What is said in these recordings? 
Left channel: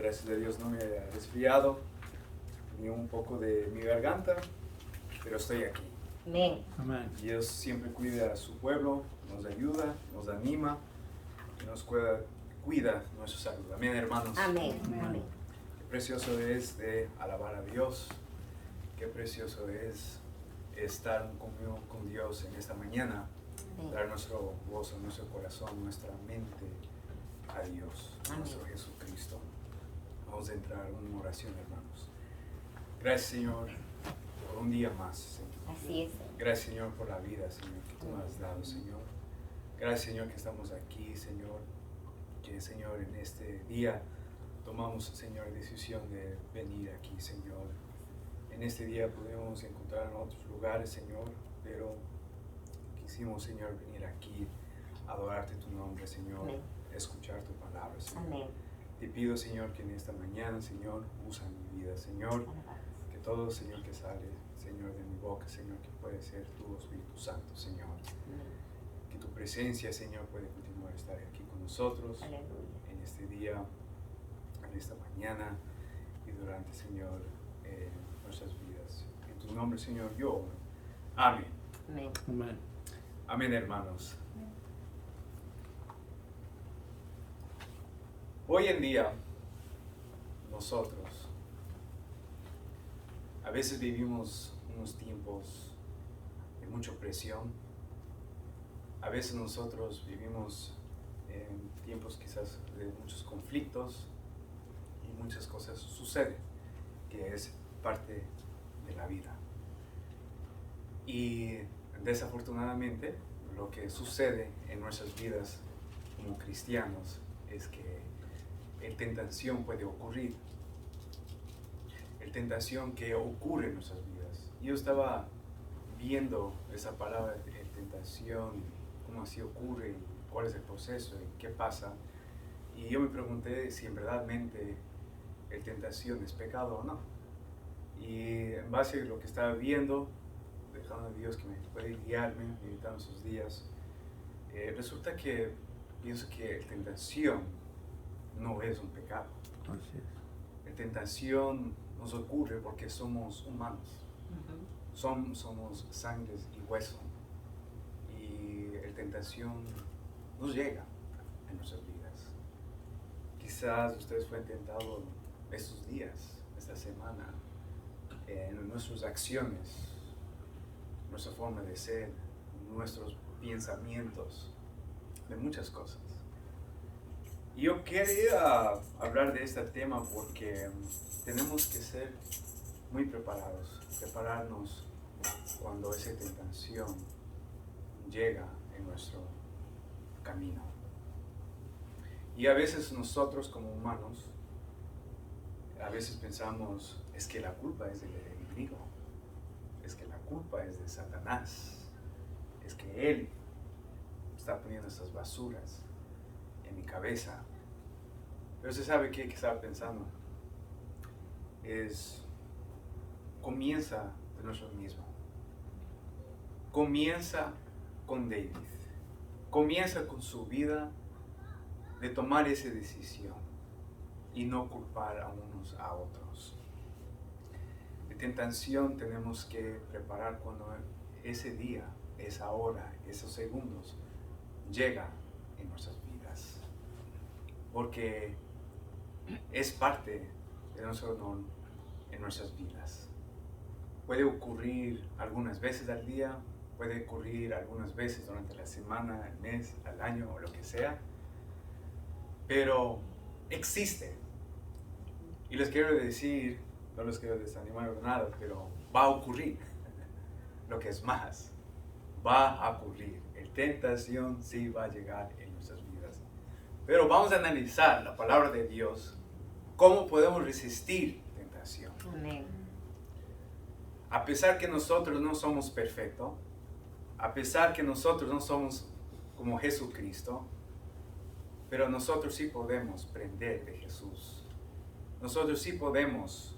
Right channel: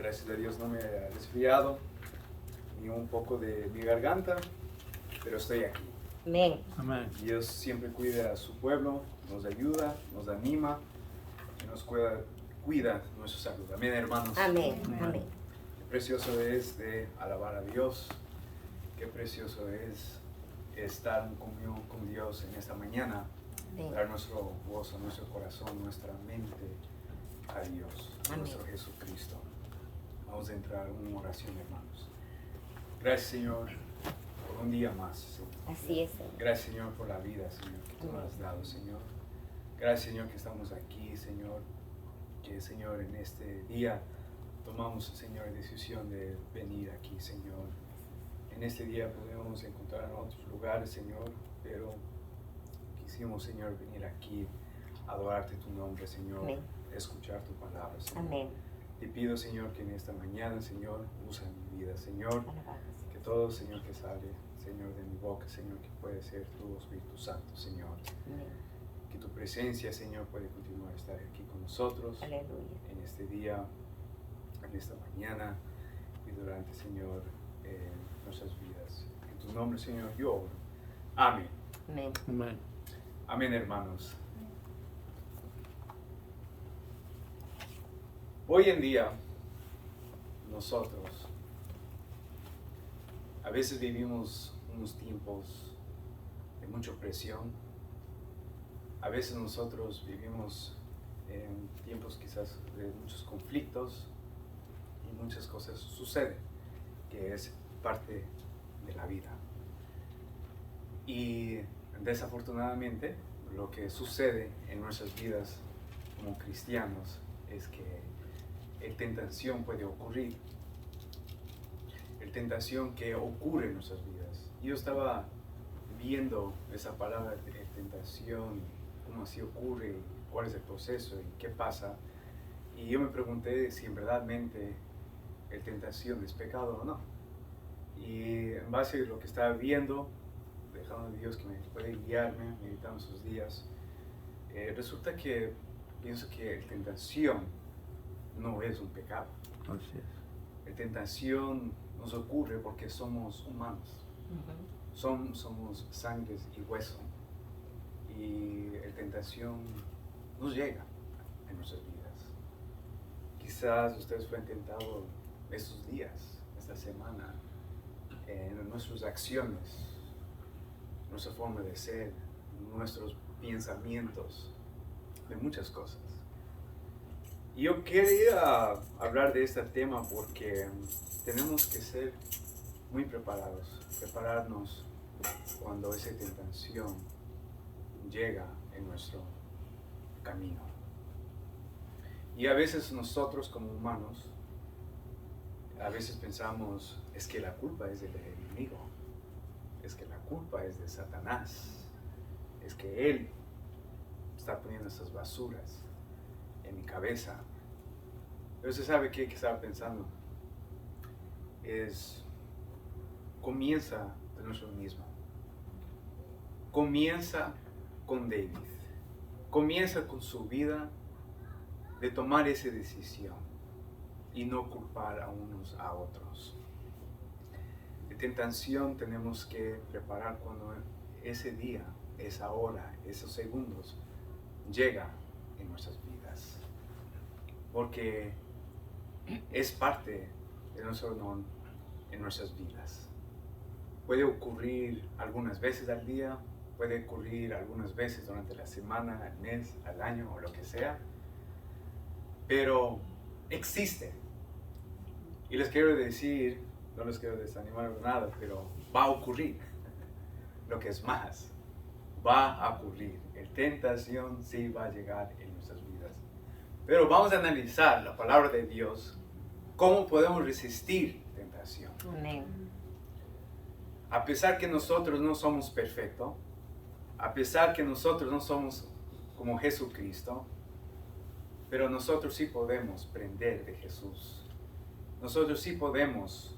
Gracias a Dios no me he resfriado ni un poco de mi garganta, pero estoy aquí. Amén. Amén. Dios siempre cuida a su pueblo, nos ayuda, nos anima y nos cuida nuestra salud. Amén, hermanos. Amén. Amén. Amén. Qué precioso es de alabar a Dios. Qué precioso es estar en comunión con Dios en esta mañana. Amén. Dar nuestro gozo, nuestro corazón, nuestra mente a Dios, a Amén. nuestro Jesucristo. Vamos a entrar en una oración, hermanos. Gracias, Señor, por un día más, Señor. Así es. Señor. Gracias, Señor, por la vida, Señor, que tú nos has dado, Señor. Gracias, Señor, que estamos aquí, Señor. Que, Señor, en este día tomamos, Señor, decisión de venir aquí, Señor. En este día pudimos encontrar en otros lugares, Señor, pero quisimos, Señor, venir aquí a adorarte tu nombre, Señor. Amén. Escuchar tu palabra, Señor. Amén. Te pido, Señor, que en esta mañana, Señor, usa mi vida, Señor. Que todo, Señor, que sale, Señor, de mi boca, Señor, que puede ser tu Espíritu Santo, Señor. Amén. Que tu presencia, Señor, puede continuar a estar aquí con nosotros Aleluya. en este día, en esta mañana y durante, Señor, nuestras vidas. En tu nombre, Señor, yo oro. Amén. Amén. Amén. Amén, hermanos. Hoy en día, nosotros a veces vivimos unos tiempos de mucha presión. A veces nosotros vivimos en tiempos quizás de muchos conflictos y muchas cosas suceden, que es parte de la vida. Y desafortunadamente, lo que sucede en nuestras vidas como cristianos es que tentación puede ocurrir. Tentación que ocurre en nuestras vidas. Yo estaba viendo esa palabra de tentación, cómo así ocurre, cuál es el proceso y qué pasa. Y yo me pregunté si en verdadmente el tentación es pecado o no. Y en base a lo que estaba viendo, dejando a Dios que me puede guiarme, meditando esos días, resulta que pienso que la tentación no es un pecado. Así es. La tentación nos ocurre porque somos humanos, Ujú. somos sangres y hueso, y la tentación nos llega en nuestras vidas. Quizás ustedes fueron tentados estos días, esta semana, en nuestras acciones, nuestra forma de ser, nuestros pensamientos, de muchas cosas. Y yo quería hablar de este tema porque tenemos que ser muy preparados, prepararnos cuando esa tentación llega en nuestro camino. Y a veces nosotros como humanos, a veces pensamos, es que la culpa es del enemigo, es que la culpa es de Satanás, es que él está poniendo esas basuras en mi cabeza. Pero se sabe que estaba pensando comienza de nosotros mismos, comienza con David, comienza con su vida de tomar esa decisión y no culpar a unos a otros. De tentación tenemos que preparar cuando ese día, esa hora, esos segundos llega en nuestras vidas, porque es parte de nuestro honor en nuestras vidas. Puede ocurrir algunas veces al día, puede ocurrir algunas veces durante la semana, el mes, al año o lo que sea, pero existe. Y les quiero decir, no les quiero desanimar o nada, pero va a ocurrir. Lo que es más, va a ocurrir. La tentación sí va a llegar en nuestras vidas. Pero vamos a analizar la palabra de Dios, cómo podemos resistir tentación. Amén. A pesar que nosotros no somos perfectos, a pesar que nosotros no somos como Jesucristo, pero nosotros sí podemos aprender de Jesús. Nosotros sí podemos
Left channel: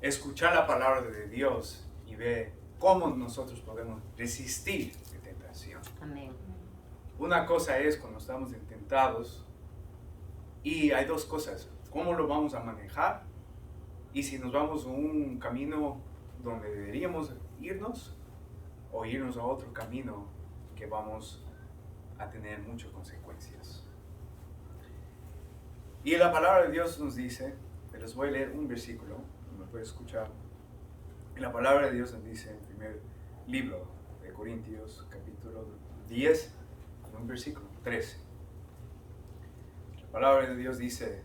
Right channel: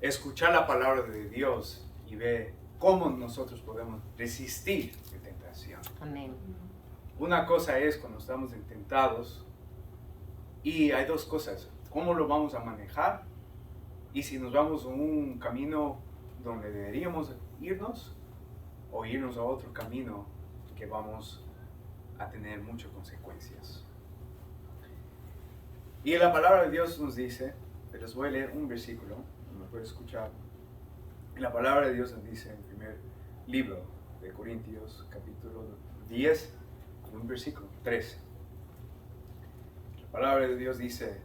escuchar la palabra de Dios y ver cómo nosotros podemos resistir la tentación. Amén. Una cosa es cuando estamos tentados, y hay dos cosas. cómo lo vamos a manejar y si nos vamos a un camino donde deberíamos irnos o irnos a otro camino que vamos a tener muchas consecuencias. Y la palabra de Dios nos dice, les voy a leer un versículo, me puede escuchar. Y la palabra de Dios nos dice en el primer libro de Corintios, capítulo 10, en un versículo 13. La palabra de Dios dice,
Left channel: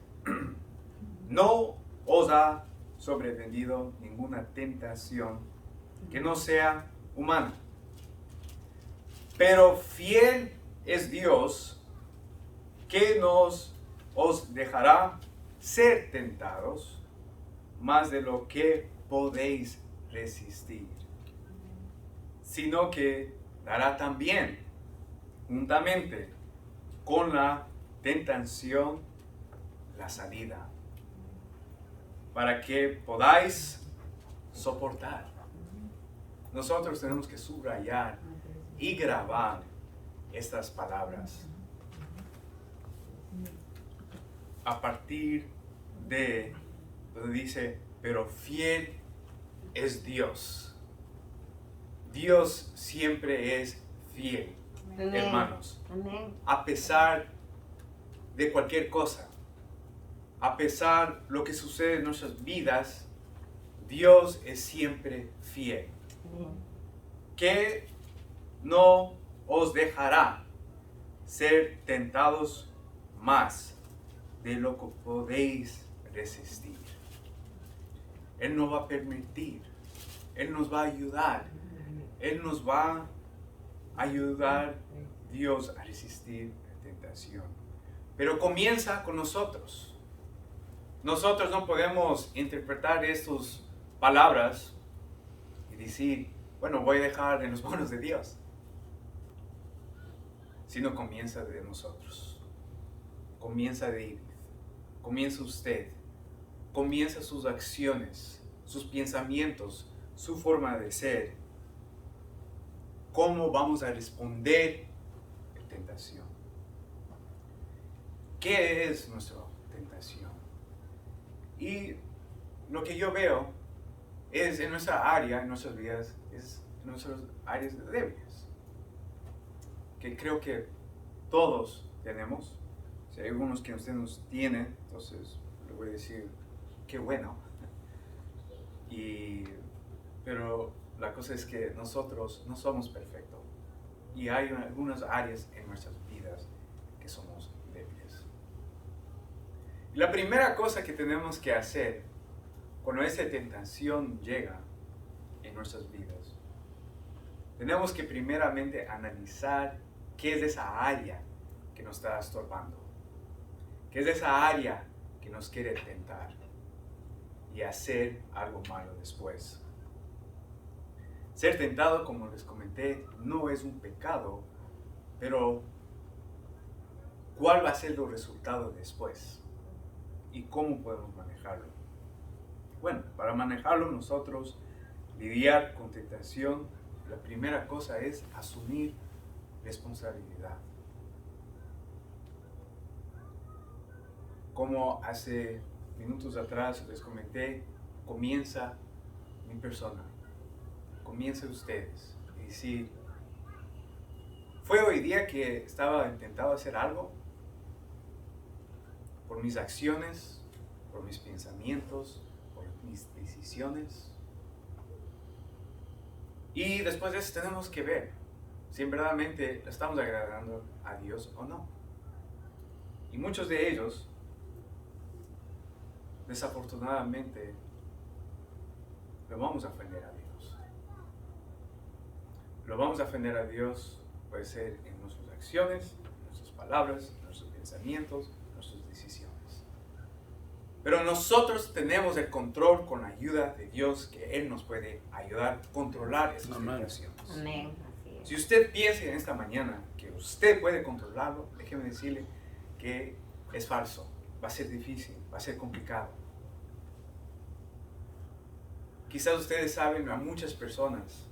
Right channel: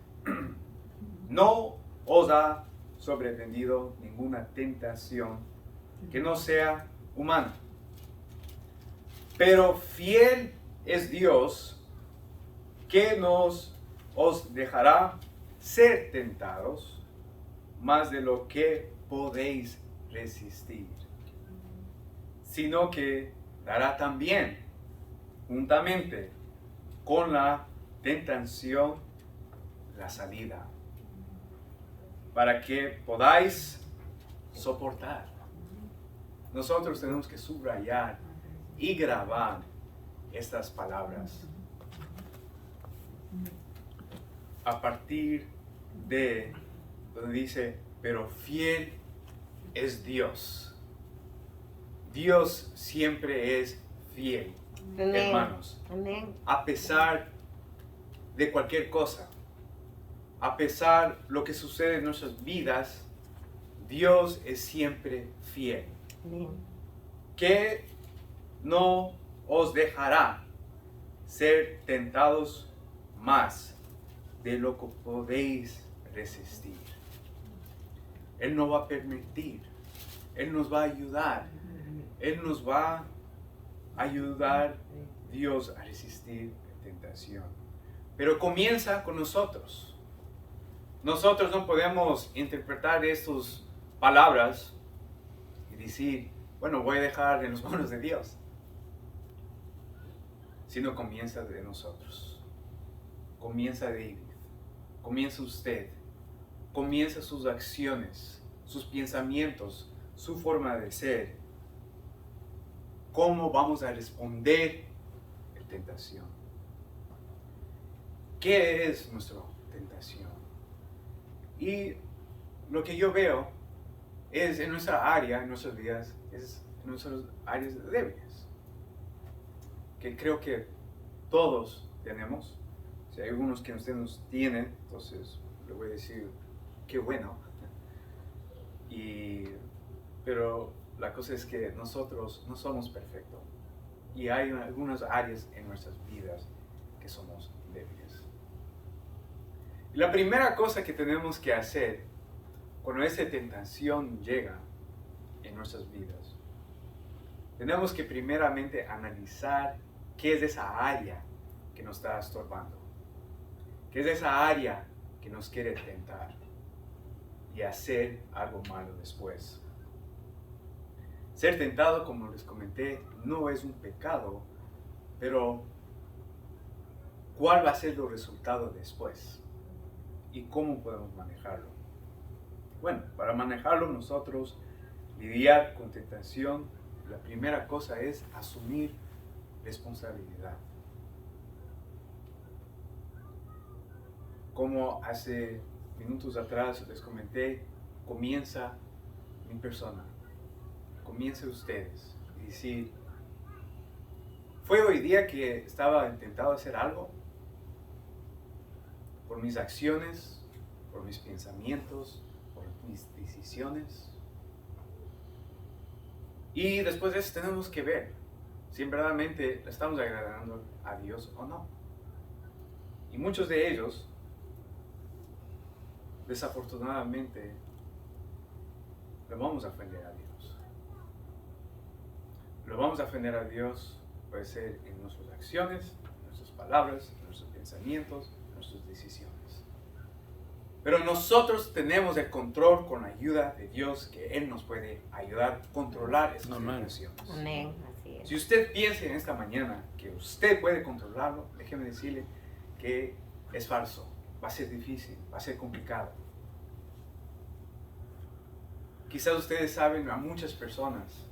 no os ha sobrevenido ninguna tentación que no sea humana, pero fiel es Dios que os dejará ser tentados más de lo que podéis resistir, sino que dará también, juntamente con la tentación, la salida, para que podáis soportar. Nosotros tenemos que subrayar y grabar estas palabras a partir de donde dice, pero fiel es Dios. Dios siempre es fiel, Amén. hermanos. Amén. A pesar de cualquier cosa, a pesar de lo que sucede en nuestras vidas, Dios es siempre fiel. Amén. Que no os dejará ser tentados más de lo que podéis resistir. Él no va a permitir, Él nos va a ayudar, Él nos va a ayudar, Dios, a resistir la tentación. Pero comienza con nosotros. Nosotros no podemos interpretar estas palabras y decir, bueno, voy a dejar en los manos de Dios. Sino comienza de nosotros. Comienza David. Comienza usted. Comienza sus acciones, sus pensamientos, su forma de ser. ¿Cómo vamos a responder a la tentación? ¿Qué es nuestra tentación? Y lo que yo veo es en nuestra área, en nuestras vidas, es en nuestras áreas débiles. Que creo que todos tenemos. Si hay algunos que usted nos tiene, entonces le voy a decir, qué bueno. Pero la cosa es que nosotros no somos perfectos. Y hay algunas áreas en nuestras vidas que somos débiles. Y la primera cosa que tenemos que hacer cuando esa tentación llega en nuestras vidas, tenemos que primeramente analizar qué es esa área que nos está estorbando. ¿Qué es esa área que nos quiere tentar y hacer algo malo después? Ser tentado, como les comenté, no es un pecado, pero ¿cuál va a ser el resultado después? ¿Y cómo podemos manejarlo? Bueno, para manejarlo nosotros, lidiar con tentación, la primera cosa es asumir responsabilidad. Como hace minutos atrás les comenté, comienza mi persona, comienza ustedes y decir, ¿fue hoy día que estaba intentando hacer algo? Por mis acciones, por mis pensamientos, por mis decisiones. Y después de eso tenemos que ver si verdaderamente le estamos agradando a Dios o no. Y muchos de ellos, desafortunadamente, le vamos a ofender a Dios. Lo vamos a ofender a Dios, puede ser en nuestras acciones, en nuestras palabras, en nuestros pensamientos, en nuestras decisiones. Pero nosotros tenemos el control con la ayuda de Dios, que Él nos puede ayudar a controlar esas tentaciones. Amén. Así es. Si usted piensa en esta mañana que usted puede controlarlo, déjeme decirle que es falso. Va a ser difícil, va a ser complicado. Quizás ustedes saben a muchas personas,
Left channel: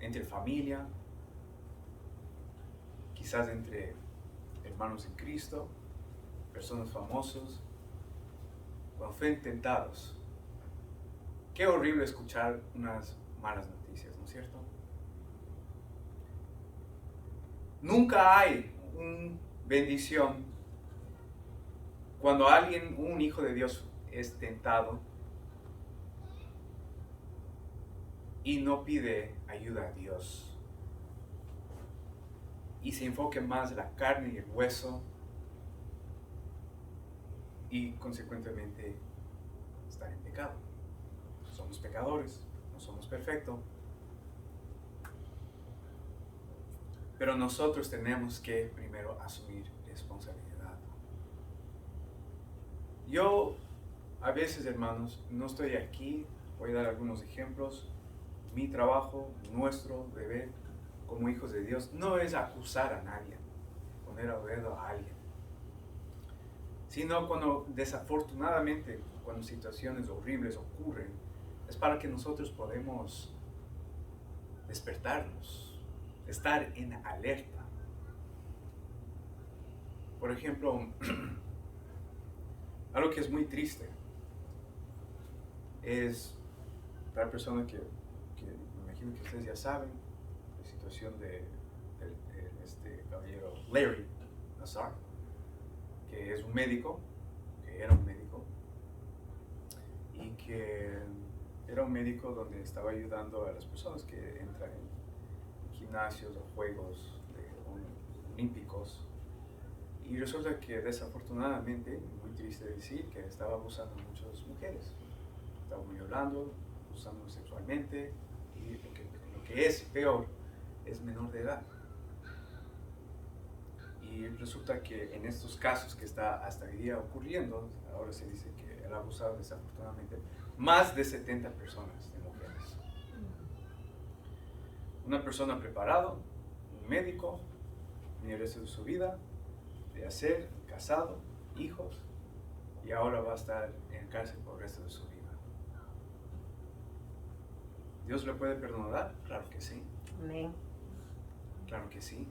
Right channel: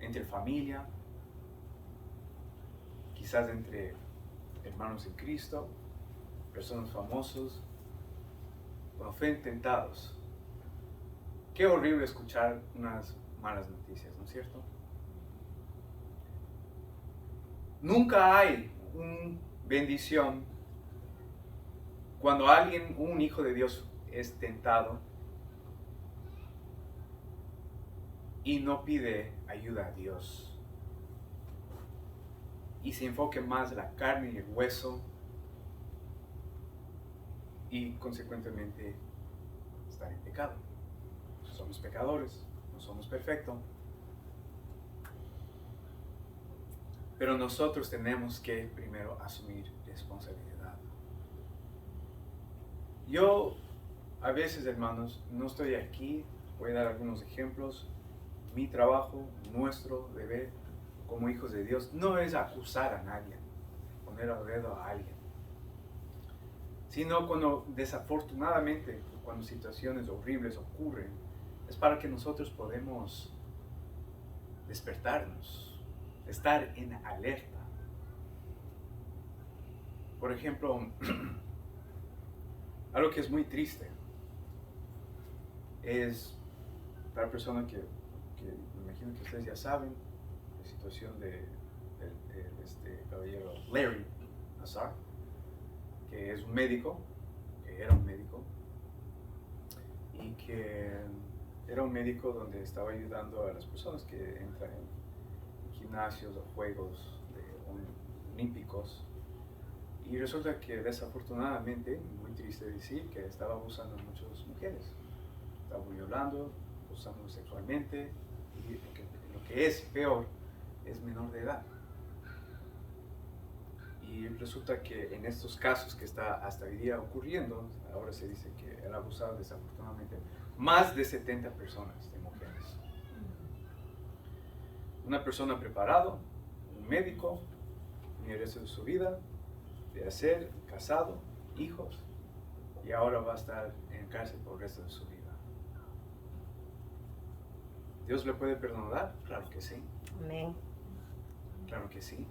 entre familia, quizás entre hermanos en Cristo, personas famosos, cuando fueron tentados. Qué horrible escuchar unas malas noticias, ¿no es cierto? Nunca hay una bendición cuando alguien, un hijo de Dios, es tentado y no pide ayuda a Dios y se enfoque más en la carne y el hueso y consecuentemente estar en pecado. Somos pecadores, no somos perfectos, pero nosotros tenemos que primero asumir responsabilidad. Yo a veces, hermanos, no estoy aquí, voy a dar algunos ejemplos. Mi trabajo, nuestro deber como hijos de Dios no es acusar a nadie, poner el dedo a alguien, sino cuando desafortunadamente, cuando situaciones horribles ocurren, es para que nosotros podamos despertarnos, estar en alerta. Por ejemplo, algo que es muy triste es tal persona que me imagino que ustedes ya saben, la situación de este caballero Larry Nassar, que es un médico, que era un médico, y que era un médico donde estaba ayudando a las personas que entran en gimnasios o juegos olímpicos. Y resulta que desafortunadamente, muy triste decir, que estaba abusando de muchas mujeres. Estaba violando, abusando sexualmente, y lo que es peor, es menor de edad. Y resulta que en estos casos que está hasta hoy día ocurriendo, ahora se dice que él ha abusado desafortunadamente más de 70 personas, de mujeres. Una persona preparada, un médico, en el resto de su vida, de hacer, casado, hijos, y ahora va a estar en cárcel por el resto de su vida. ¿Dios le puede perdonar? Claro que sí. Amén. Claro que sí.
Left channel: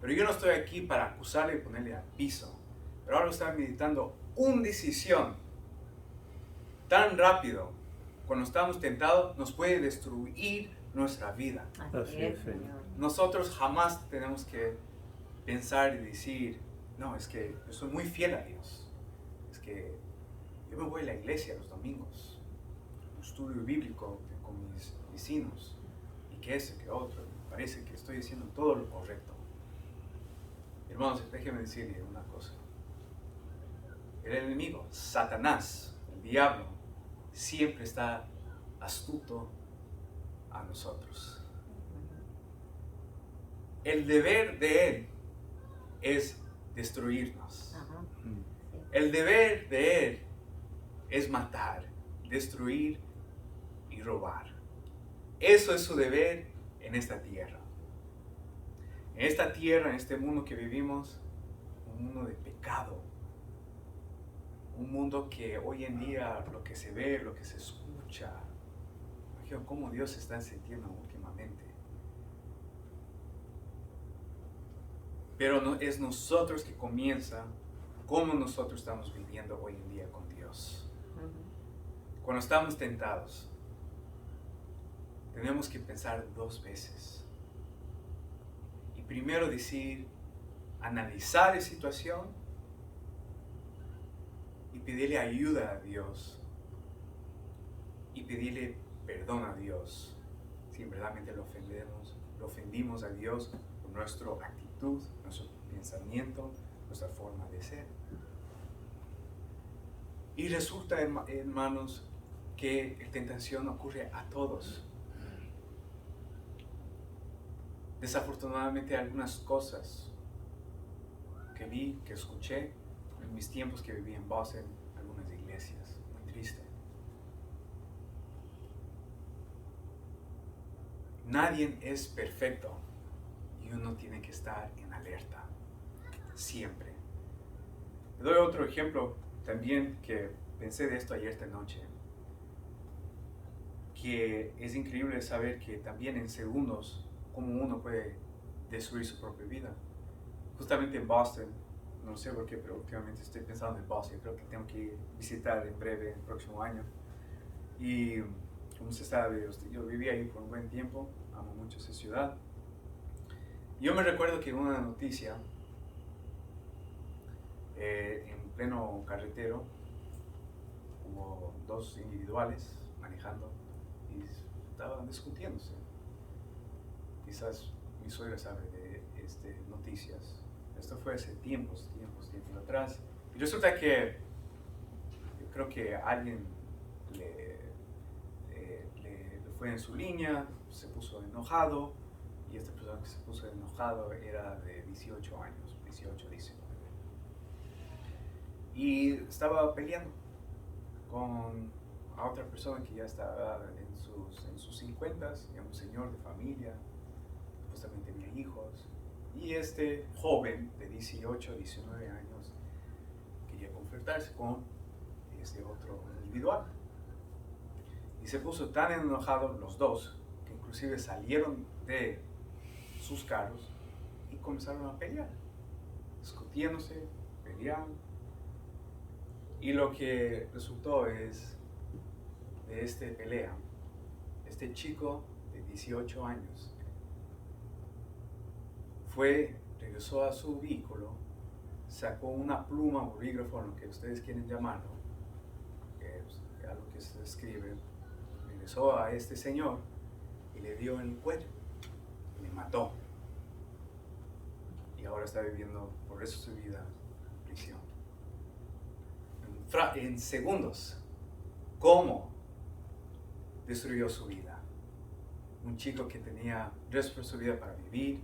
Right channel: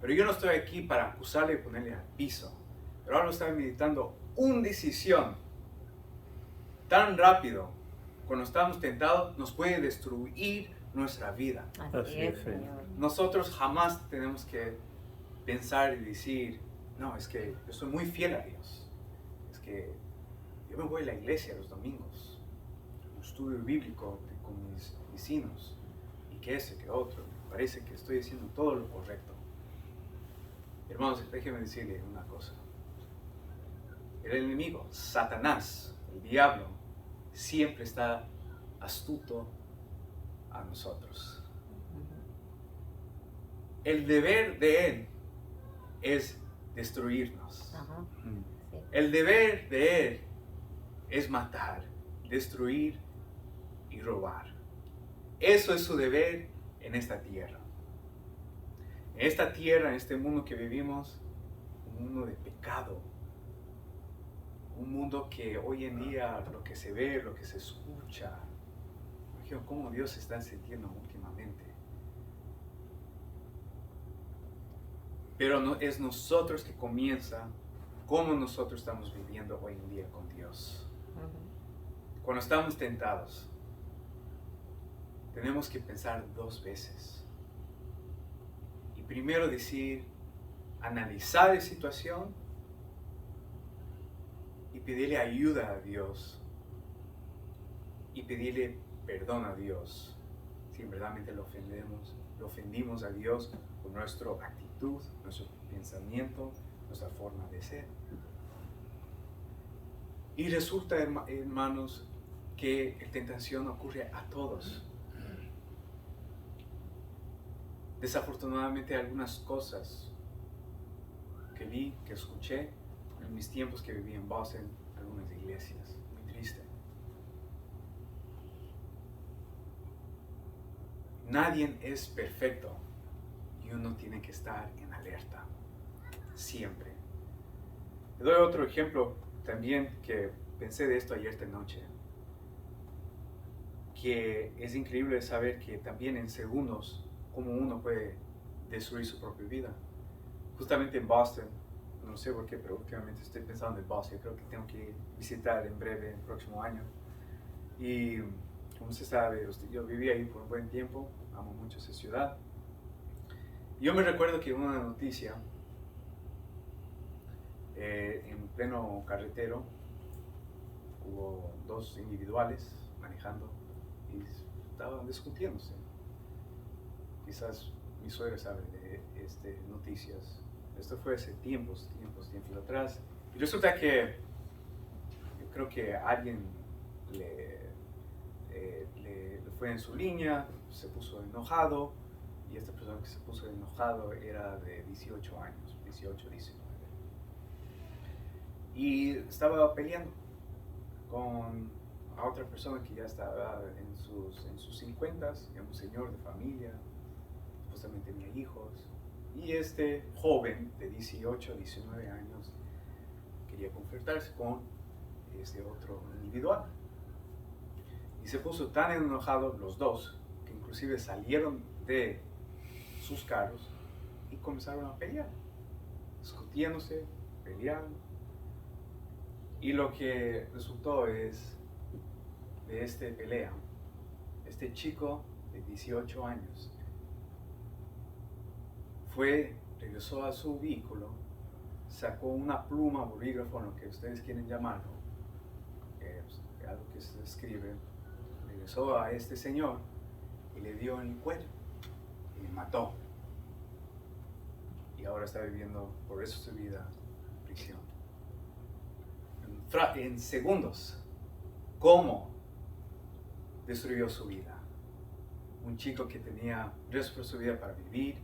Pero yo no estoy aquí para acusarle y ponerle al piso. Pero ahora estoy meditando una decisión tan rápido, cuando estamos tentados, nos puede destruir nuestra vida. Así es, Señor. Nosotros jamás tenemos que pensar y decir, no, es que yo soy muy fiel a Dios. Es que yo me voy a la iglesia los domingos, un estudio bíblico con mis vecinos, y que ese, que otro. Me parece que estoy haciendo todo lo correcto. Hermanos, déjenme decirle una cosa. El enemigo, Satanás, el diablo, siempre está astuto a nosotros. El deber de él es destruirnos. El deber de él es matar, destruir y robar. Eso es su deber en esta tierra. En esta tierra, en este mundo que vivimos, un mundo de pecado, un mundo que hoy en día lo que se ve, lo que se escucha, imagino cómo Dios se está sintiendo últimamente. Pero no, es nosotros que comienza cómo nosotros estamos viviendo hoy en día con Dios. Cuando estamos tentados, tenemos que pensar 2 veces. Y primero decir, analizar la situación y pedirle ayuda a Dios. Y pedirle perdón a Dios si verdaderamente lo ofendimos a Dios por nuestra actitud, nuestro pensamiento, nuestra forma de ser. Y resulta, hermanos, que la tentación ocurre a todos. Desafortunadamente, algunas cosas que vi, que escuché en mis tiempos que viví en Boston, algunas iglesias, muy triste. Nadie es perfecto y uno tiene que estar en alerta, siempre. Le doy otro ejemplo también que pensé de esto ayer esta noche, que es increíble saber que también en segundos, cómo uno puede destruir su propia vida. Justamente en Boston, no sé por qué, pero últimamente estoy pensando en Bosnia. Creo que tengo que visitar en breve, el próximo año. Y como usted sabe, yo viví ahí por un buen tiempo, amo mucho esa ciudad. Yo me recuerdo que una noticia, en pleno carretero, hubo dos individuales manejando y estaban discutiéndose. Quizás mi suegra sabe de noticias. Esto fue hace tiempos atrás. Y resulta que yo creo que alguien le fue en su línea, se puso enojado, y esta persona que se puso enojado era de 18 años, 18, 19. Y estaba peleando con a otra persona que ya estaba en sus 50s, ya un señor de familia, supuestamente tenía hijos. Y este joven de 18, 19 años quería confrontarse con ese otro individual. Y se puso tan enojado los dos que inclusive salieron de sus carros y comenzaron a pelear, discutiéndose, peleando. Y lo que resultó es, de esta pelea, este chico de 18 años regresó a su vehículo, sacó una pluma, bolígrafo, lo que ustedes quieren llamarlo, algo que se escribe, regresó a este señor y le dio en el cuello y le mató. Y ahora está viviendo por eso su vida en prisión. En segundos, ¿cómo destruyó su vida? Un chico que tenía resto de su vida para vivir,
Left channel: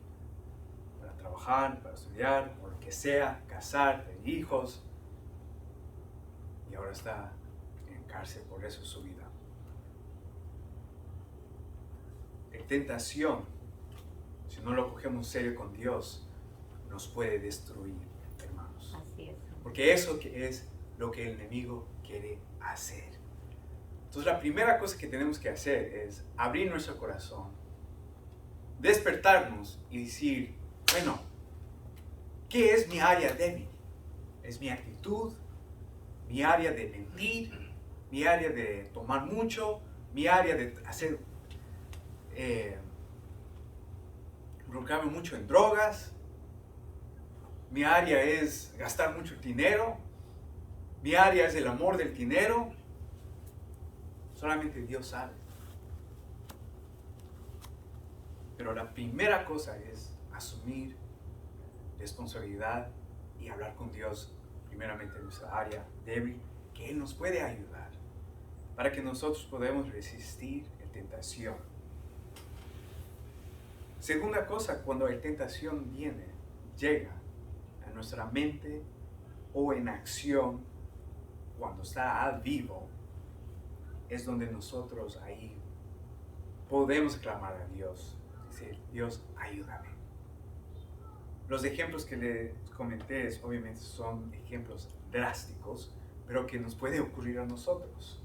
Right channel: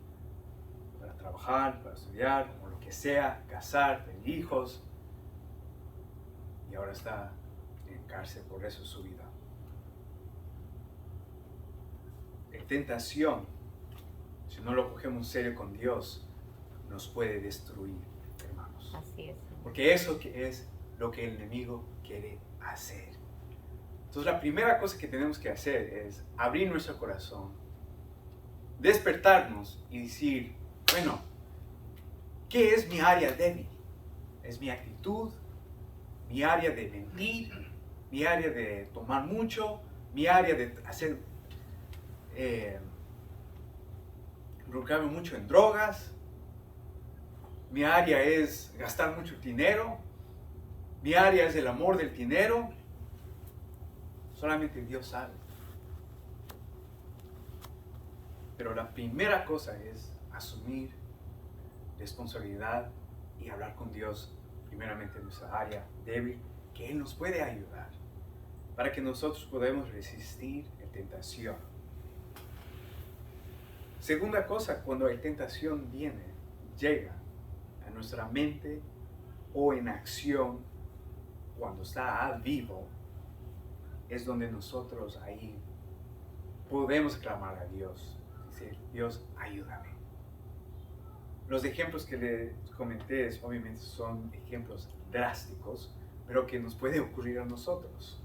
para trabajar, para estudiar, o lo que sea, casar, tener hijos, y ahora está en cárcel por eso su vida. La tentación, si no lo cogemos serio con Dios, nos puede destruir, hermanos. Así es. Porque eso que es lo que el enemigo quiere hacer. Entonces la primera cosa que tenemos que hacer es abrir nuestro corazón, despertarnos y decir, bueno, ¿qué es mi área débil? ¿Es mi actitud? ¿Mi área de mentir? ¿Mi área de tomar mucho? ¿Mi área de hacer involucrarme mucho en drogas? ¿Mi área es gastar mucho dinero? ¿Mi área es el amor del dinero? Solamente Dios sabe. Pero la primera cosa es asumir responsabilidad y hablar con Dios, primeramente en nuestra área débil, que Él nos puede ayudar para que nosotros podamos resistir la tentación. Segunda cosa, cuando la tentación llega a nuestra mente o en acción, cuando está a vivo, es donde nosotros ahí podemos clamar a Dios, decir, Dios, ayúdame. Los ejemplos que les comenté obviamente son ejemplos drásticos, pero que nos puede ocurrir a nosotros.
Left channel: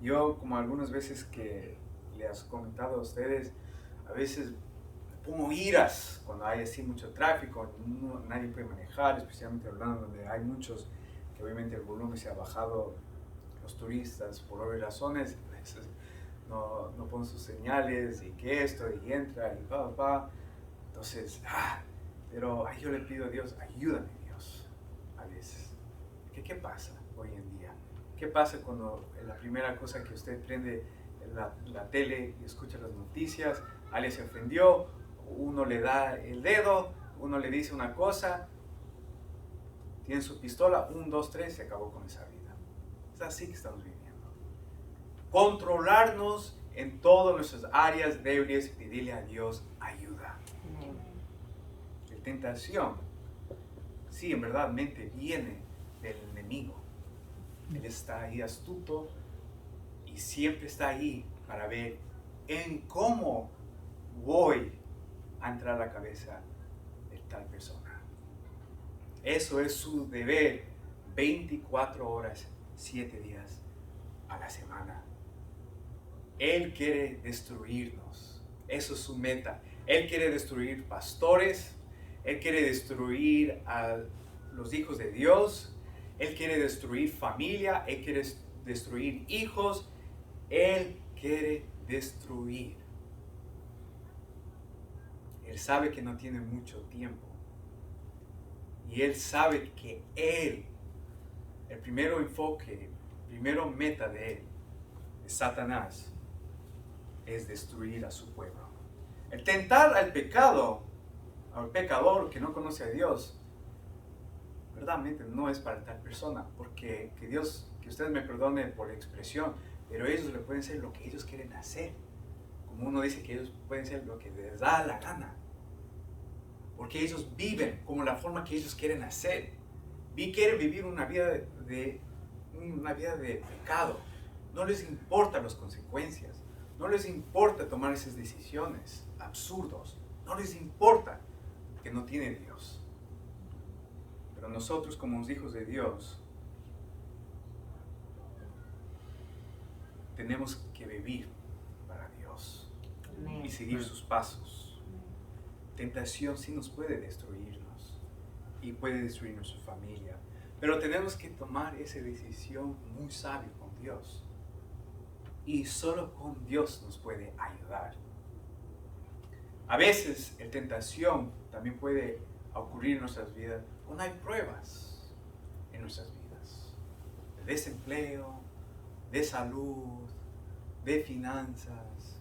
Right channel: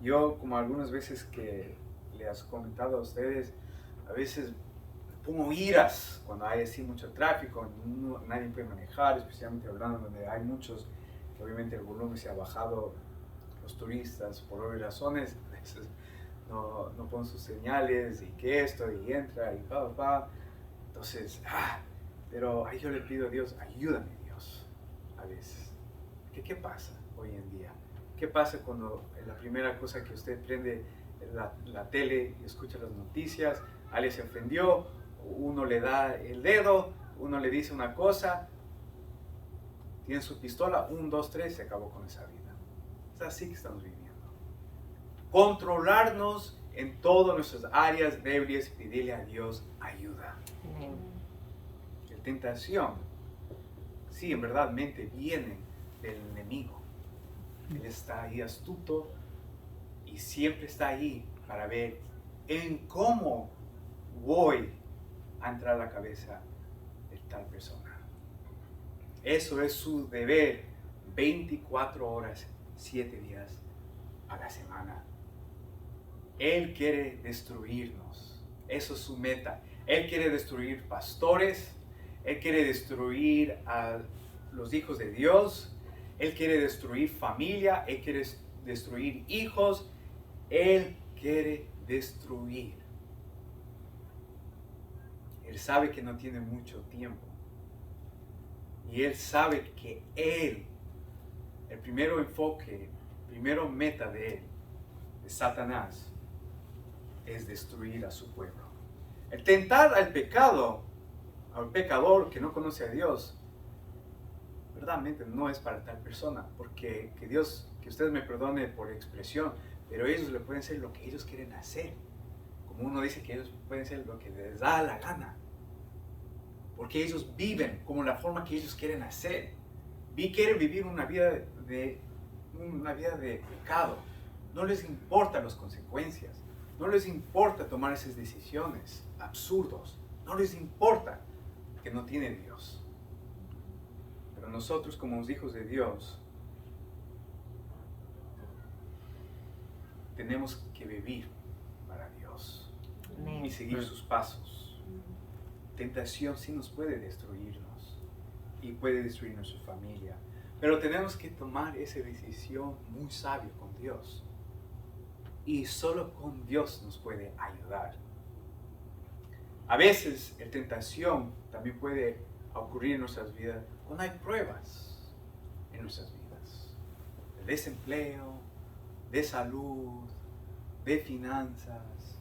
Yo, como algunas veces que les he comentado a ustedes, a veces me pongo iras cuando hay así mucho tráfico, nadie puede manejar, especialmente Orlando, donde hay muchos, que obviamente el volumen se ha bajado, los turistas, por obvias razones, a veces no ponen sus señales, y que esto, y entra, y Entonces, pero ahí yo le pido a Dios, ayúdame Dios, a veces. ¿Qué pasa hoy en día? ¿Qué pasa cuando la primera cosa que usted prende la tele y escucha las noticias, alguien se ofendió, uno le da el dedo, uno le dice una cosa, tiene su pistola, 1, 2, 3, se acabó con esa vida? Es así que estamos viviendo. Controlarnos en todas nuestras áreas débiles y pedirle a Dios ayuda. La tentación, sí, en verdad, viene del enemigo. Él está ahí astuto y siempre está ahí para ver en cómo voy a entrar a la cabeza de tal persona. Eso es su deber 24 horas, 7 días a la semana. Él quiere destruirnos. Eso es su meta. Él quiere destruir pastores. Él quiere destruir a los hijos de Dios. Él quiere destruir familia. Él quiere destruir hijos. Él quiere destruir. Él sabe que no tiene mucho tiempo. Y Él sabe que el primero enfoque, primero meta de Él, de Satanás, es destruir a su pueblo. El tentar al pecado, al pecador que no conoce a Dios, verdaderamente no es para tal persona, porque que Dios, que ustedes me perdone por la expresión, pero ellos le pueden hacer lo que ellos quieren hacer. Como uno dice que ellos pueden hacer lo que les da la gana, porque ellos viven como la forma que ellos quieren hacer. Quieren vivir una vida de pecado. No les importan las consecuencias. No les importa tomar esas decisiones absurdos. No les importa que no tiene Dios. Pero nosotros como los hijos de Dios tenemos que vivir para Dios y seguir sus pasos. Tentación sí nos puede destruirnos y puede destruir nuestra familia, pero tenemos que tomar esa decisión muy sabio con Dios. Y solo con Dios nos puede ayudar. A veces la tentación también puede ocurrir en nuestras vidas cuando hay pruebas en nuestras vidas. De desempleo, de salud, de finanzas.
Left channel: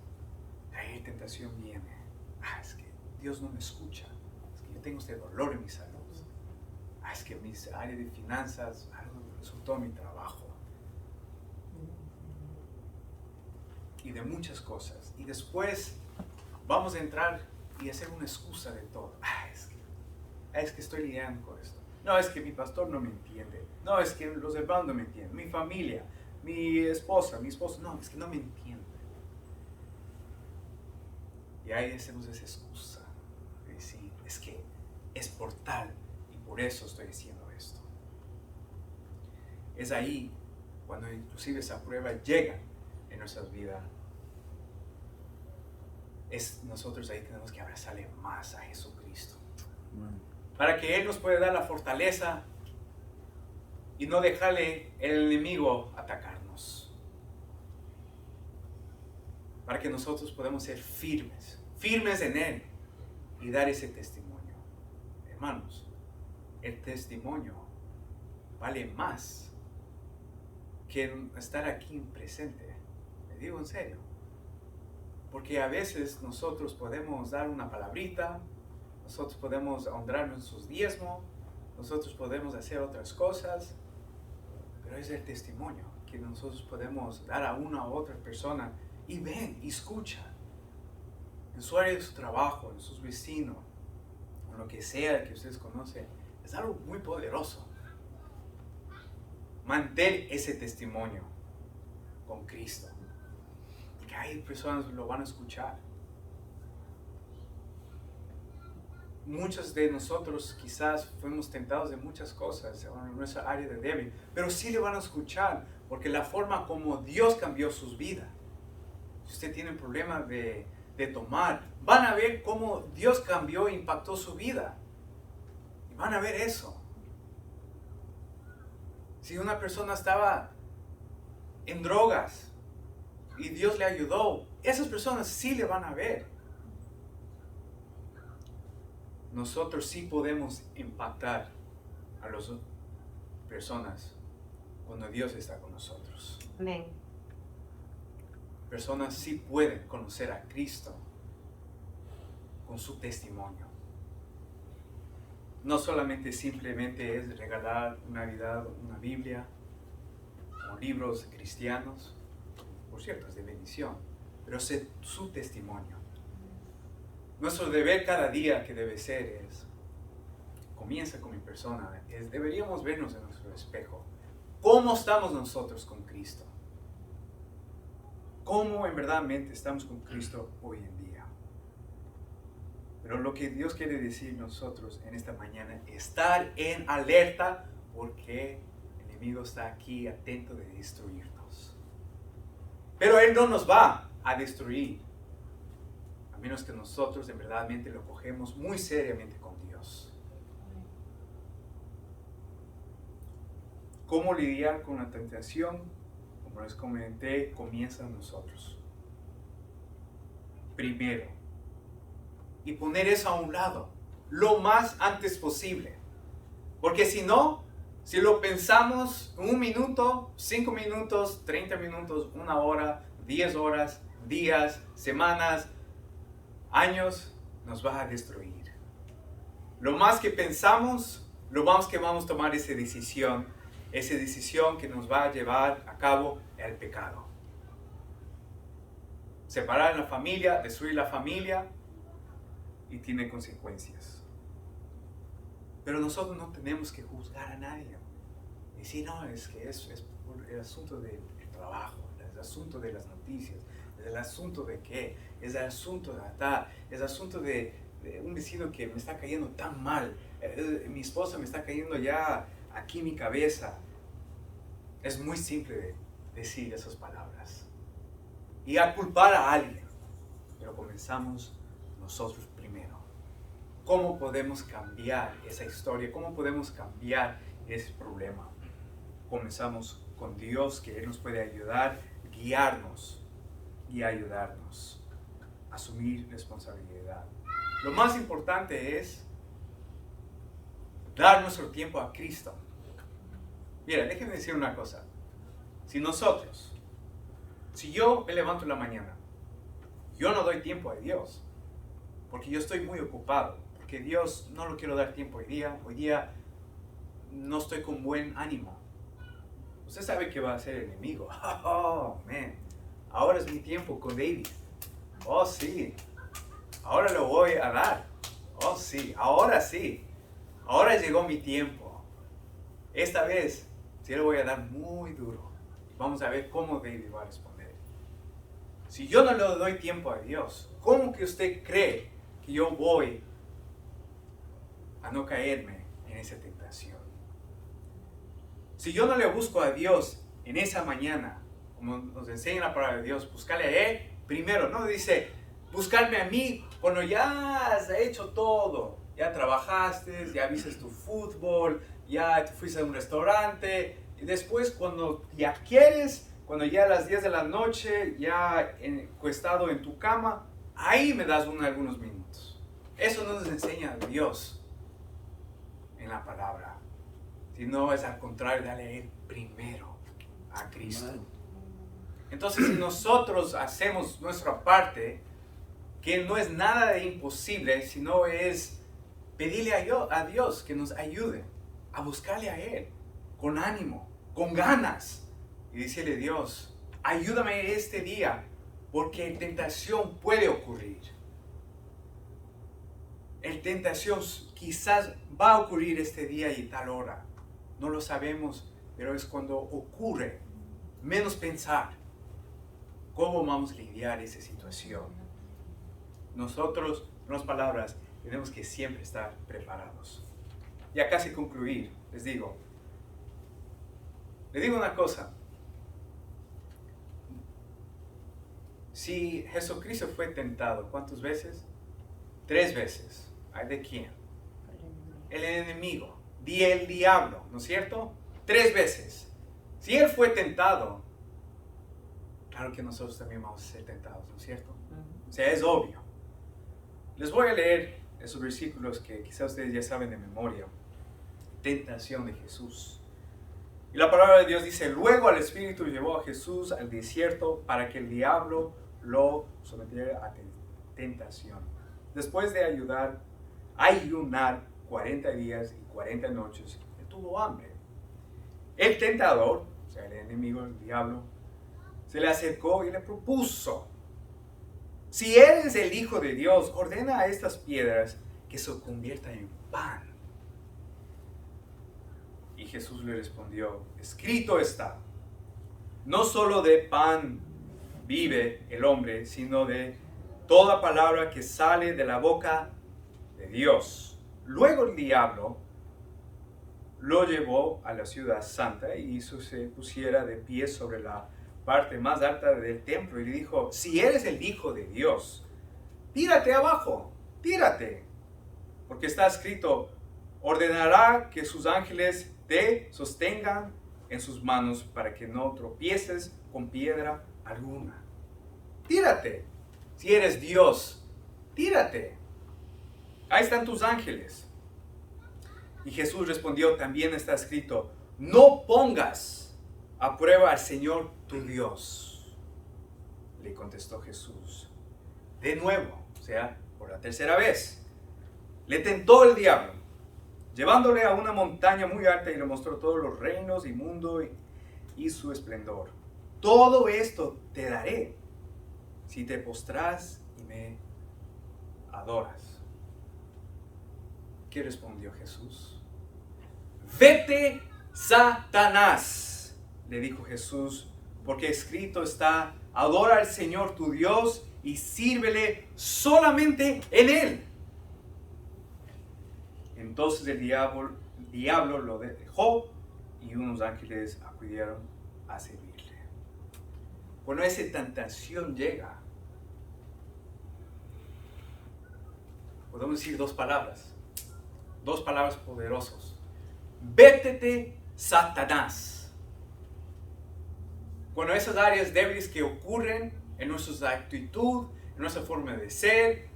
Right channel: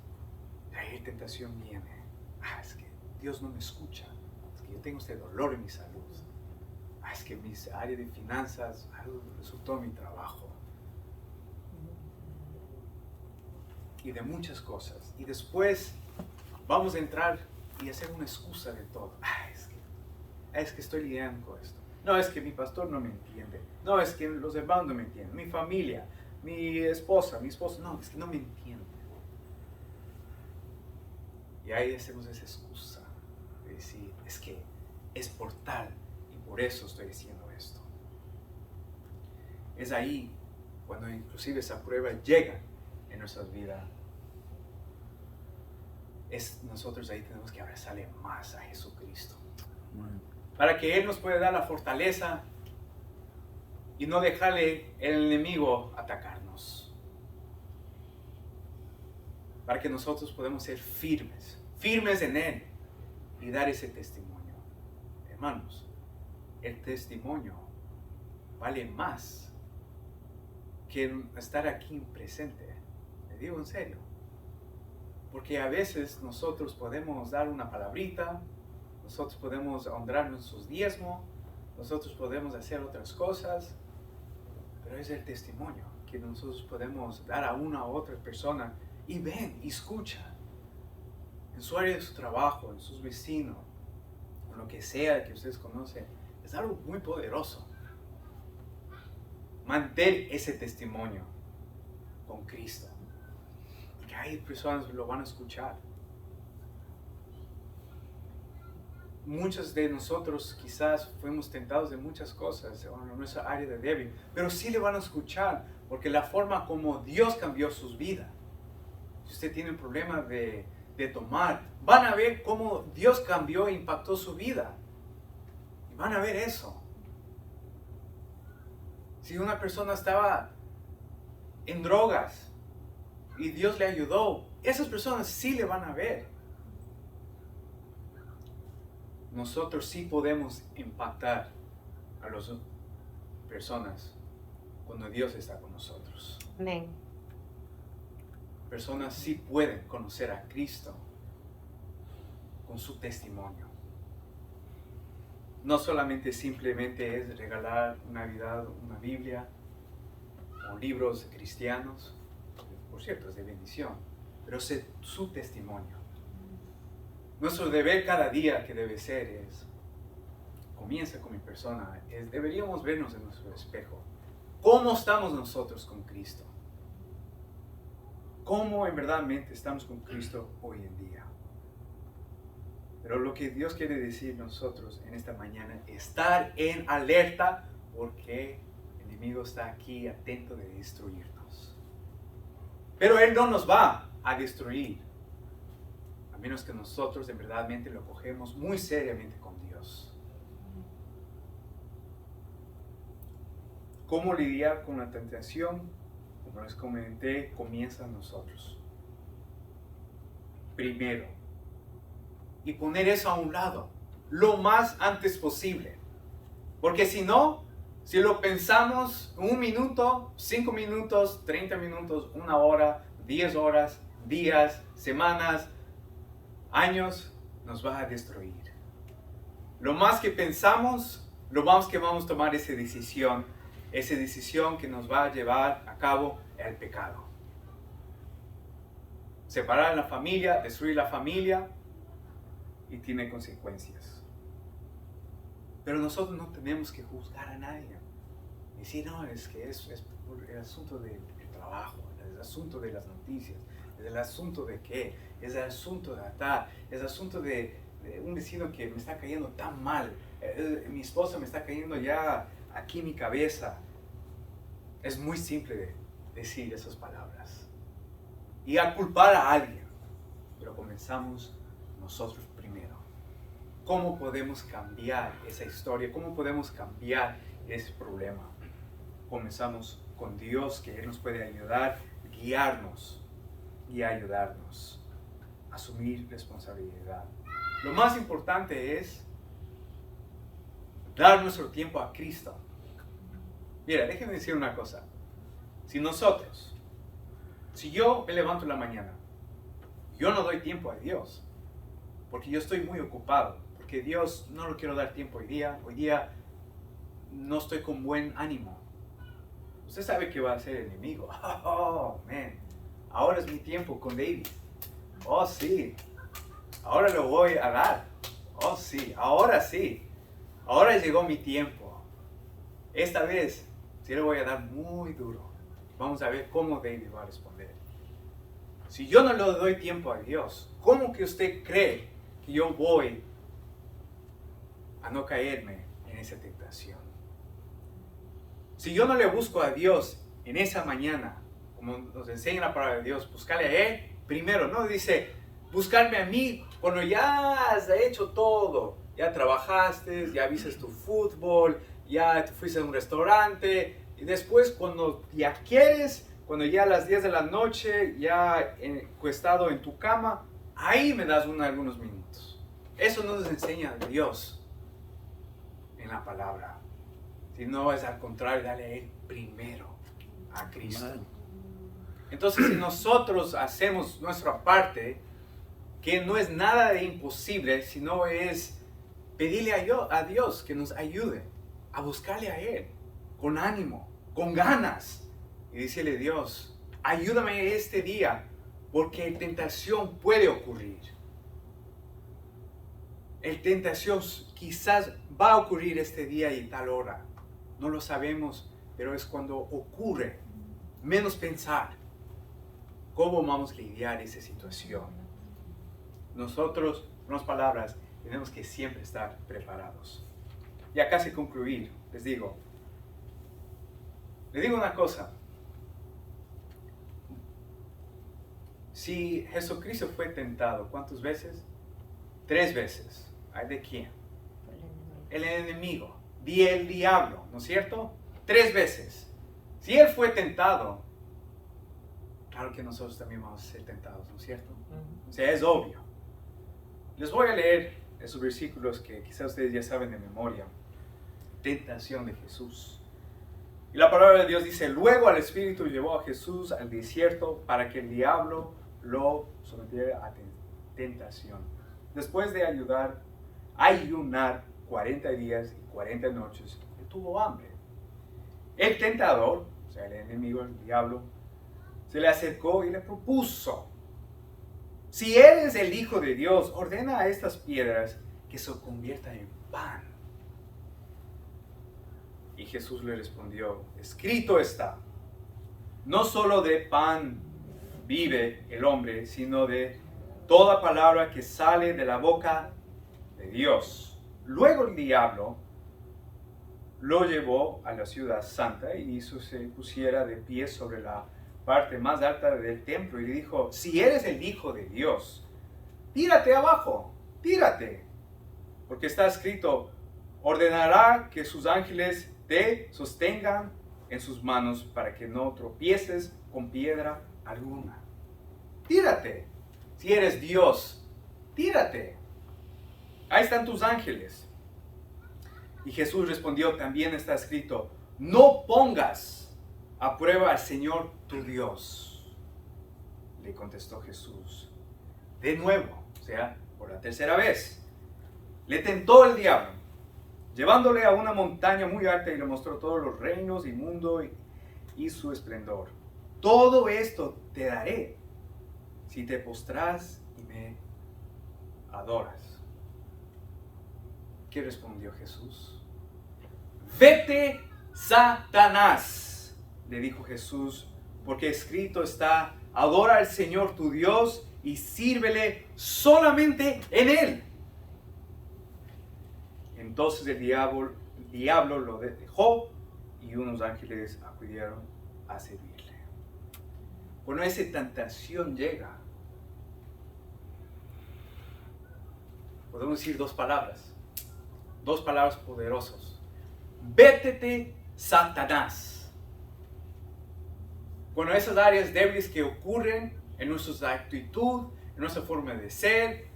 Ahí la tentación viene. Es que Dios no me escucha. Es que yo tengo este dolor en mi salud. Es que en mi área de finanzas algo resultó en mi trabajo. Y de muchas cosas. Y después vamos a entrar y hacer una excusa de todo. Es que estoy lidiando con esto. No, es que mi pastor no me entiende. No, es que los hermanos no me entienden. Mi familia, mi esposa, mi esposo. No, es que no me entienden. Y ahí hacemos esa excusa de decir, es que es por tal y por eso estoy haciendo esto. Es ahí cuando inclusive esa prueba llega en nuestras vidas. Nosotros ahí tenemos que abrazarle más a Jesucristo. Para que Él nos pueda dar la fortaleza y no dejarle el enemigo atacarnos. Para que nosotros podamos ser firmes en Él y dar ese testimonio. Hermanos, el testimonio vale más que estar aquí presente. Le digo en serio. Porque a veces nosotros podemos dar una palabrita, nosotros podemos honrar nuestros diezmos, nosotros podemos hacer otras cosas, pero es el testimonio que nosotros podemos dar a una u otra persona y ven y escucha en su área de su trabajo, en sus vecinos, en lo que sea que ustedes conocen. Es algo muy poderoso. Mantener ese testimonio con Cristo. Porque hay personas que lo van a escuchar. Muchos de nosotros quizás fuimos tentados de muchas cosas en nuestra área de débil, pero sí le van a escuchar, porque la forma como Dios cambió sus vidas. Si usted tiene un problema de tomar, van a ver cómo Dios cambió e impactó su vida. Y van a ver eso. Si una persona estaba en drogas y Dios le ayudó, esas personas sí le van a ver. Nosotros sí podemos impactar a las personas cuando Dios está con nosotros. Amén. Personas sí pueden conocer a Cristo con su testimonio. No solamente simplemente es regalar Navidad una Biblia o libros cristianos, por cierto, es de bendición, pero es su testimonio. Nuestro deber cada día que debe ser comienza con mi persona, deberíamos vernos en nuestro espejo. ¿Cómo estamos nosotros con Cristo? ¿Cómo en verdad estamos con Cristo hoy en día? Pero lo que Dios quiere decir nosotros en esta mañana, estar en alerta porque el enemigo está aquí atento de destruirnos. Pero Él no nos va a destruir, a menos que nosotros en verdad lo cogemos muy seriamente con Dios. cómo lidiar con la tentación, como les comenté, comienza en nosotros. Primero. Y poner eso a un lado, lo más antes posible. Porque si no, si lo pensamos 1 minuto, 5 minutos, 30 minutos, 1 hora, 10 horas, días, semanas, años, nos va a destruir. Lo más que pensamos, lo más que vamos a tomar esa decisión que nos va a llevar a cabo el pecado. Separar la familia, destruir la familia, y tiene consecuencias. Pero nosotros no tenemos que juzgar a nadie. Decir, no, es que es por el asunto del trabajo, el asunto de las noticias, es el asunto de qué, es el asunto de atar, es el asunto de un vecino que me está cayendo tan mal, mi esposa me está cayendo ya aquí en mi cabeza. Es muy simple decir esas palabras y a culpar a alguien, pero comenzamos nosotros primero. ¿Cómo podemos cambiar esa historia? ¿Cómo podemos cambiar ese problema? Comenzamos con Dios, que Él nos puede ayudar, guiarnos y ayudarnos a asumir responsabilidad. Lo más importante es dar nuestro tiempo a Cristo. Mira, déjenme decir una cosa. Si yo me levanto en la mañana, yo no doy tiempo a Dios, porque yo estoy muy ocupado, porque Dios no lo quiero dar tiempo hoy día no estoy con buen ánimo. Usted sabe que va a ser el enemigo. Oh, man, ahora es mi tiempo con David. Oh, sí, ahora lo voy a dar. Oh, sí, ahora llegó mi tiempo. Esta vez sí le voy a dar muy duro. Vamos a ver cómo David va a responder. Si yo no le doy tiempo a Dios, ¿cómo que usted cree que yo voy a no caerme en esa tentación? Si yo no le busco a Dios en esa mañana, como nos enseña la palabra de Dios, buscarle a Él primero, no dice buscarme a mí cuando ya has hecho todo, ya trabajaste, ya viste tu fútbol, ya te fuiste a un restaurante, y después cuando ya quieres, cuando ya a las 10 de la noche, ya acostado en tu cama, ahí me das algunos minutos. Eso no nos enseña Dios en la palabra, sino es al contrario, dale a Él primero, a Cristo. Entonces, si nosotros hacemos nuestra parte, que no es nada de imposible, sino es pedirle a Dios que nos ayude a buscarle a Él con ánimo, con ganas, y decirle: Dios, ayúdame este día, porque tentación puede ocurrir. El tentación quizás va a ocurrir este día y tal hora. No lo sabemos, pero es cuando ocurre, menos pensar cómo vamos a lidiar esa situación. Nosotros, en las palabras, tenemos que siempre estar preparados. Ya casi concluir, les digo una cosa. Si Jesucristo fue tentado, ¿cuántas veces? 3 veces. ¿Ay de quién? El enemigo, el diablo, ¿no es cierto? 3 veces. Si Él fue tentado, claro que nosotros también vamos a ser tentados, ¿no es cierto? O sea, es obvio. Les voy a leer esos versículos que quizás ustedes ya saben de memoria. Tentación de Jesús. Y la palabra de Dios dice: luego al Espíritu llevó a Jesús al desierto para que el diablo lo sometiera a tentación. Después de ayunar 40 días y 40 noches, él tuvo hambre. El tentador, o sea, el enemigo, el diablo, se le acercó y le propuso: si eres el Hijo de Dios, ordena a estas piedras que se conviertan en pan. Y Jesús le respondió: escrito está, no solo de pan vive el hombre, sino de toda palabra que sale de la boca de Dios. Luego el diablo lo llevó a la ciudad santa y hizo que se pusiera de pie sobre la parte más alta del templo y le dijo: si eres el Hijo de Dios, tírate abajo, tírate, porque está escrito: ordenará que sus ángeles te sostengan en sus manos para que no tropieces con piedra alguna. Tírate. Si eres Dios, tírate. Ahí están tus ángeles. Y Jesús respondió, también está escrito, no pongas a prueba al Señor tu Dios. Le contestó Jesús. De nuevo, o sea, por la tercera vez, le tentó el diablo, llevándole a una montaña muy alta y le mostró todos los reinos y mundo y su esplendor. Todo esto te daré si te postras y me adoras. ¿Qué respondió Jesús? Vete, Satanás, le dijo Jesús, porque escrito está, adora al Señor tu Dios y sírvele solamente en Él. Entonces el diablo lo dejó y unos ángeles acudieron a servirle. Cuando esa tentación llega, podemos decir dos palabras poderosas. Vétete, Satanás. Cuando esas áreas débiles que ocurren en nuestra actitud, en nuestra forma de ser,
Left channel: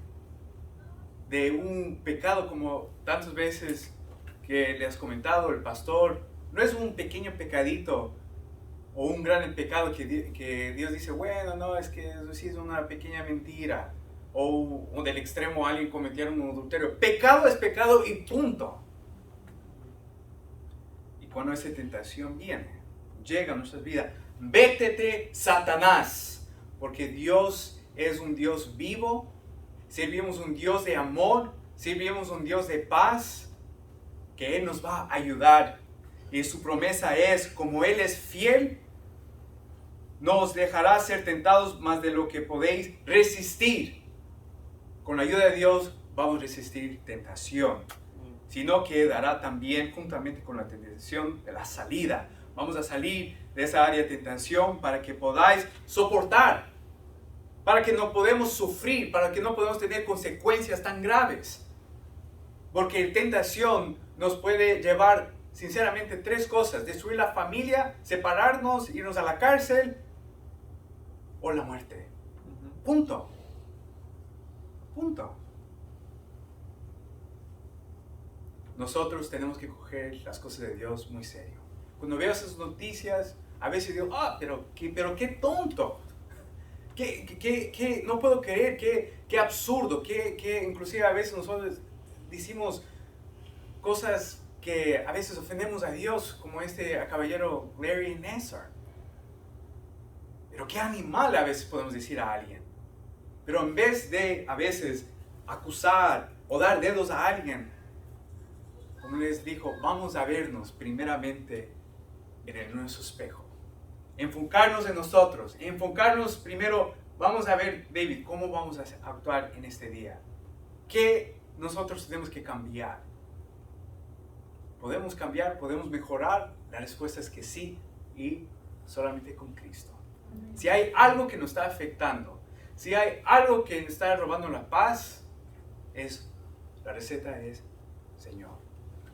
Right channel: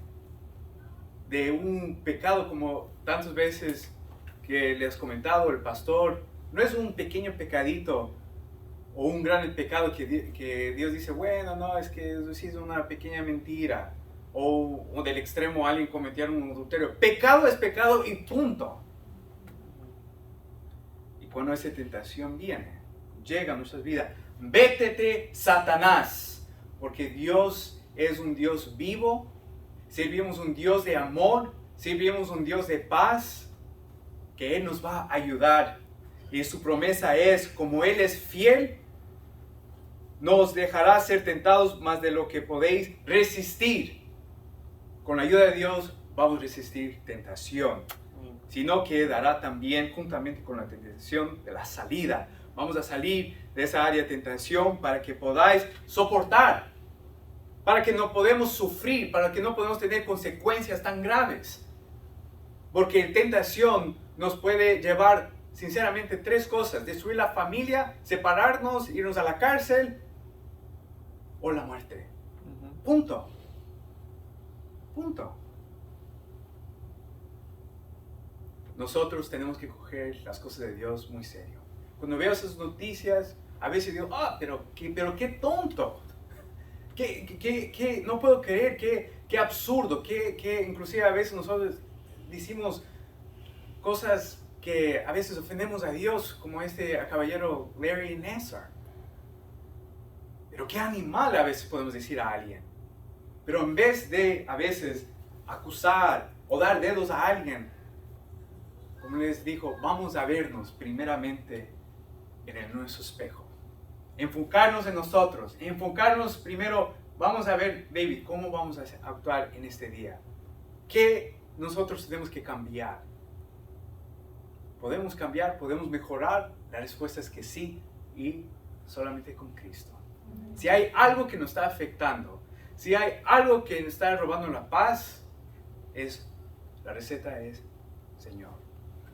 de un pecado como tantas veces que les he comentado el pastor, no es un pequeño pecadito o un gran pecado que Dios dice, bueno, no, es que eso sí es una pequeña mentira, o del extremo alguien cometiera un adulterio. Pecado es pecado y punto. Y cuando esa tentación llega a nuestras vidas, vétete, Satanás, porque Dios es un Dios vivo, servimos un Dios de amor, servimos un Dios de paz, que Él nos va a ayudar. Y su promesa es, como Él es fiel, no os dejará ser tentados más de lo que podéis resistir. Con la ayuda de Dios vamos a resistir tentación, sino que dará también juntamente con la tentación de la salida. Vamos a salir de esa área de tentación para que podáis soportar, para que no podamos sufrir, para que no podamos tener consecuencias tan graves. Porque la tentación nos puede llevar sinceramente tres cosas: destruir la familia, separarnos, irnos a la cárcel o la muerte. Punto. Nosotros tenemos que coger las cosas de Dios muy serio. Cuando veo esas noticias, a veces digo, pero qué tonto. No puedo creer, qué absurdo, que inclusive a veces nosotros decimos cosas que a veces ofendemos a Dios, como este caballero Larry Nassar. Pero qué animal a veces podemos decir a alguien. Pero en vez de a veces acusar o dar dedos a alguien, como les dijo, vamos a vernos primeramente en nuestro espejo. Enfocarnos en nosotros, enfocarnos primero, vamos a ver, David, cómo vamos a actuar en este día. ¿Qué nosotros tenemos que cambiar? ¿Podemos cambiar? ¿Podemos mejorar? La respuesta es que sí, y solamente con Cristo. Si hay algo que nos está afectando, si hay algo que nos está robando la paz, la receta es Señor.